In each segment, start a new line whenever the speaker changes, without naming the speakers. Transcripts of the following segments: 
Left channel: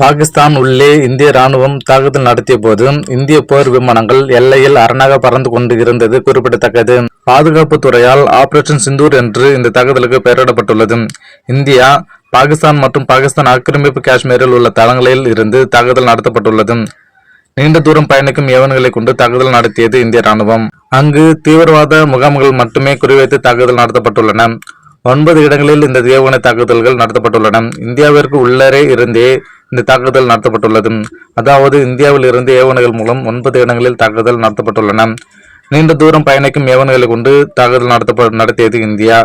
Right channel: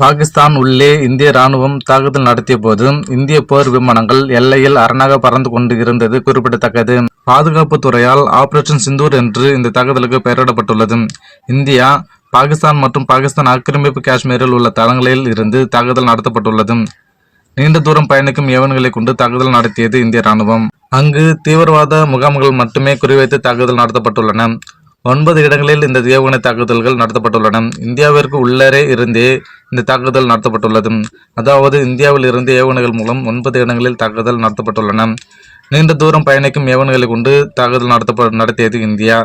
பாகிஸ்தான் உள்ளே இந்திய ராணுவம் தாக்குதல் நடத்திய போது இந்திய போர் விமானங்கள் எல்லையில் அரணாக பறந்து கொண்டு இருந்தது குறிப்பிடத்தக்கது. பாதுகாப்பு துறையால் ஆபரேஷன் சிந்தூர் என்று இந்த தாக்குதலுக்கு பெயரிடப்பட்டுள்ளது. இந்தியா பாகிஸ்தான் மற்றும் பாகிஸ்தான் ஆக்கிரமிப்பு காஷ்மீரில் உள்ள தளங்களில் இருந்து தாக்குதல் நடத்தப்பட்டுள்ளது. நீண்ட தூரம் பயணிக்கும் ஏவன்களை கொண்டு தாக்குதல் நடத்தியது இந்திய ராணுவம் அங்கு தீவிரவாத முகாம்கள் மட்டுமே குறிவைத்து தாக்குதல் நடத்தப்பட்டுள்ளன. ஒன்பது இடங்களில் இந்த ஏவுகணை தாக்குதல்கள் நடத்தப்பட்டுள்ளன. இந்தியாவிற்கு உள்ளரே இருந்தே இந்த தாக்குதல் நடத்தப்பட்டுள்ளது. அதாவது இந்தியாவில் இருந்து ஏவுகணைகள் மூலம் ஒன்பது இடங்களில் தாக்குதல் நடத்தப்பட்டுள்ளன. நீண்ட தூரம் பயணிக்கும் ஏவுகணைகளை கொண்டு தாக்குதல் நடத்தப்ப நடத்தியது இந்தியா.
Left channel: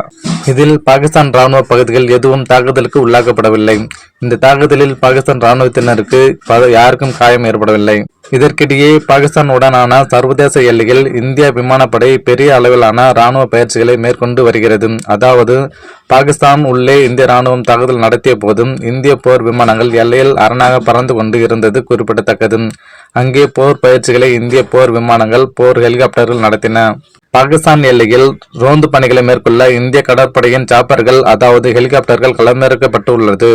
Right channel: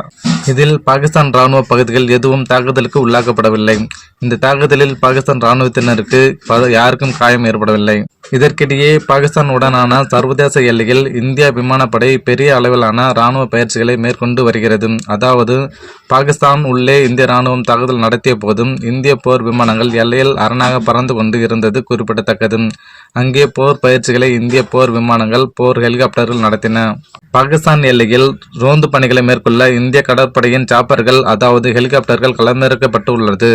இதில் பாகிஸ்தான் ராணுவ பகுதிகள் எதுவும் தாக்குதலுக்கு உள்ளாக்கப்படவில்லை. இந்த தாக்குதலில் பாகிஸ்தான் ராணுவத்தினருக்கு பல- யாருக்கும் காயம் ஏற்படவில்லை. இதற்கிடையே பாகிஸ்தான் உடனான சர்வதேச எல்லையில் இந்திய விமானப்படை பெரிய அளவிலான ராணுவ பயிற்சிகளை மேற்கொண்டு வருகிறது. அதாவது பாகிஸ்தான் உள்ளே இந்திய ராணுவம் தாக்குதல் நடத்திய போதும் இந்திய போர் விமானங்கள் எல்லையில் அரணாக பறந்து கொண்டு இருந்தது குறிப்பிடத்தக்கது. அங்கே போர் பயிற்சிகளை இந்திய போர் விமானங்கள் போர் ஹெலிகாப்டர்கள் நடத்தின. பாகிஸ்தான் எல்லையில் ரோந்து பணிகளை மேற்கொள்ள இந்திய கடற்படையின் சாப்பர்கள் அதாவது ஹெலிகாப்டர்கள் களமிறக்கப்பட்டுள்ளது.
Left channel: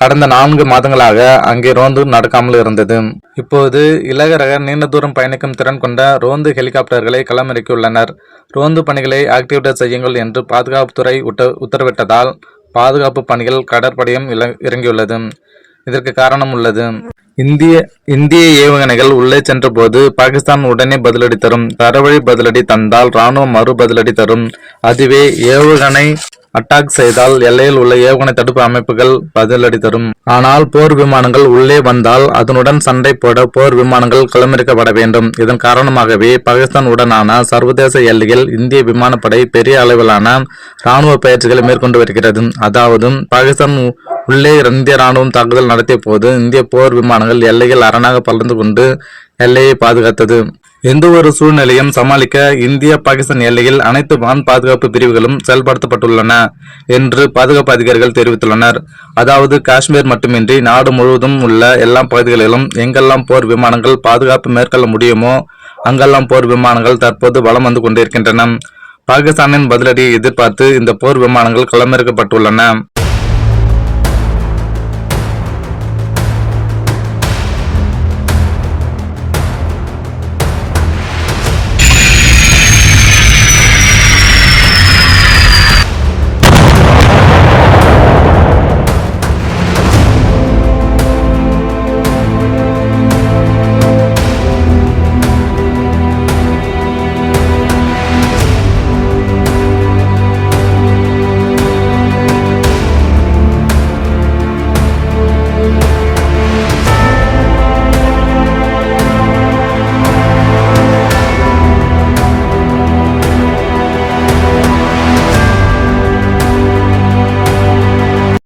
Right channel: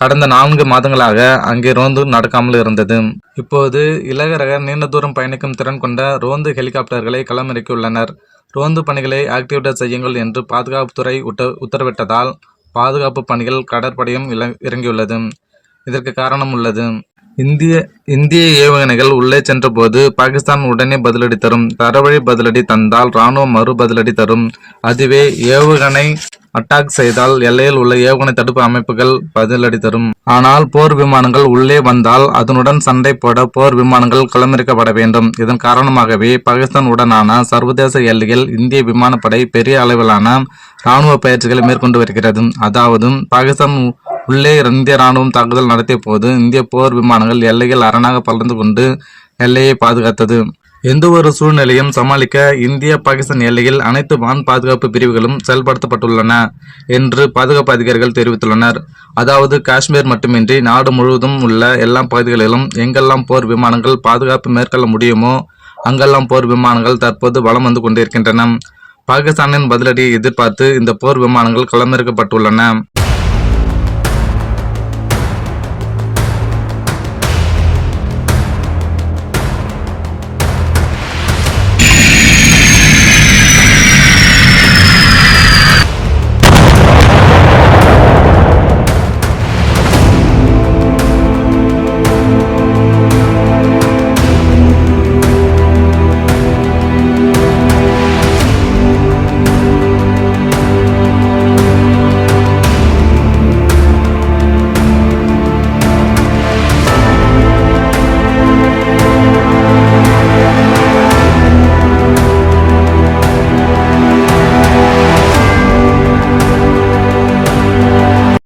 கடந்த நான்கு மாதங்களாக அங்கே ரோந்து நடக்காமல் இருந்தது. இப்போது இலகுரக நீண்ட தூரம் பயணிக்கும் திறன் கொண்ட ரோந்து ஹெலிகாப்டர்களை களமிறக்கியுள்ளனர். ரோந்து பணிகளை ஆக்டிவேட் செய்யுங்கள் என்று பாதுகாப்புத்துறை உத்த உத்தரவிட்டதால் பாதுகாப்பு பணிகள் கடற்படையும் இறங்கியுள்ளது. இதற்கு காரணம் உள்ளது. இந்திய இந்திய ஏவுகணைகள் உள்ளே சென்றபோது பாகிஸ்தான் உடனே பதிலடி தரும். தரவழி பதிலடி தந்தால் ராணுவம் மறு பதிலடி தரும். அதுவே ஏவுகணை அட்டாக் செய்தால் எல்லையில் உள்ள ஏவுகணை தடுப்பு அமைப்புகள் பதிலடி தரும். ஆனால் போர் விமானங்கள் உள்ளே வந்தால் அதனுடன் சண்டை போட போர் விமானங்கள் களமிறக்கப்பட வேண்டும். இதன் காரணமாகவே பாகிஸ்தான் உடனான சர்வதேச எல்லையில் இந்திய விமானப்படை பெரிய அளவிலான இராணுவ பயிற்சிகளை மேற்கொண்டு வருகிறது. அதாவது பாகிஸ்தான் உள்ளே இந்திய ராணுவம் தாக்குதல் நடத்திய போது இந்திய போர் விமானங்கள் எல்லையில் அரணாக பறந்து கொண்டு எல்லையை பாதுகாத்தது. எந்த ஒரு சூழ்நிலையும் சமாளிக்க இந்திய பாகிஸ்தான் எல்லையில் அனைத்து வான் பாதுகாப்பு பிரிவுகளும் செயல்படுத்தப்பட்டுள்ளன என்று பாதுகாப்பு அதிகாரிகள் தெரிவித்துள்ளனர். அதாவது காஷ்மீர் மட்டுமின்றி நாடு முழுவதும் உள்ள எல்லா பகுதிகளிலும் எங்கெல்லாம் போர் விமானங்கள் பாதுகாப்பு மேற்கொள்ள முடியுமோ அங்கெல்லாம் போர் விமானங்கள் தற்போது வலம் வந்து கொண்டிருக்கின்றன. பாகிஸ்தானின் பதிலடியை எதிர்பார்த்து இந்த போர் விமானங்கள் களமிறக்கப்பட்டுள்ளன.